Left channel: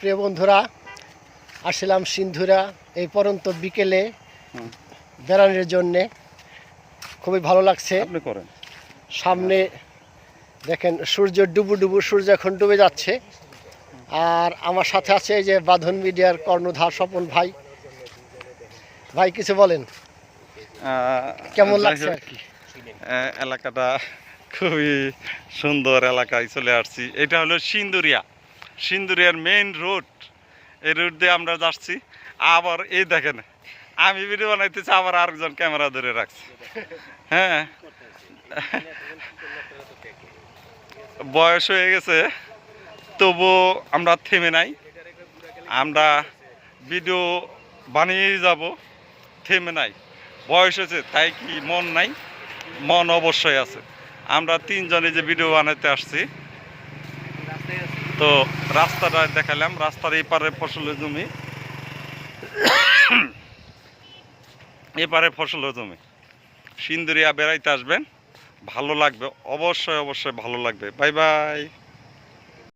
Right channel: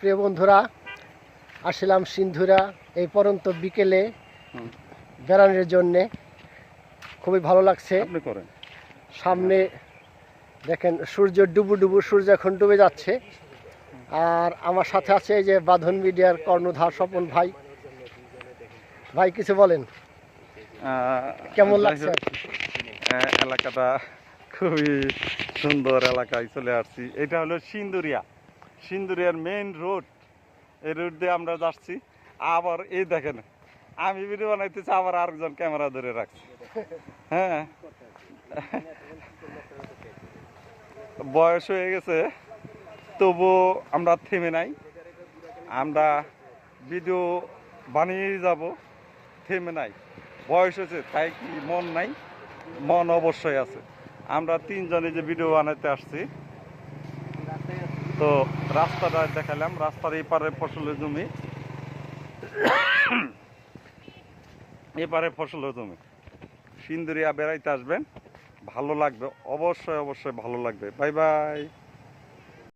প্রিয় বন্ধুরা, আসলাম সিন্ধুরা এই পরন্ত বিকেলে বেড়ানোর জন্যে। খুবই ভালো লাগছে। সামনে দেখেন সূর্য ডুবু সূর্য এখন ডুবে যাচ্ছে। আর আমার সাথে আছে এই যে বাঁধন মিডিয়ার কর্ণধার স্বপন ভাই। ভাই কিছু বলেন, কেমন লাগছে? এলাকাটা খুবই সুন্দর এলাকায় চলে আসছি। এটা হলো সিন্দুরিয়ার মেইন রোড। এই রোড দিয়ে আমরা যাচ্ছি। আবার এই দেখেন, আমি ভিডিও বানাইতেছি, আবার আরেকজন ক্যামেরা ধরে রাখছি। হ্যাঁ, বয়স হয়ে গেছে, তবু আমরা থেমে নাই। আমরা ভিডিও বানিয়ে যাব, থেমে নাই। বয়স হয়েছে তাই কি মন নাই? মন অবশ্যই আছে। আমরা তিনজনে যে ভিডিও বানাতে আসছি, তো রাস্তাটা দেখালাম। রাস্তার এপারে ফসলের জমি, এপারে ফসলের জমি। সিন্দুরিয়া বেড়াইতে আসবেন, ভালো লাগবে, অবশ্যই ভালো লাগবে। Bye bye.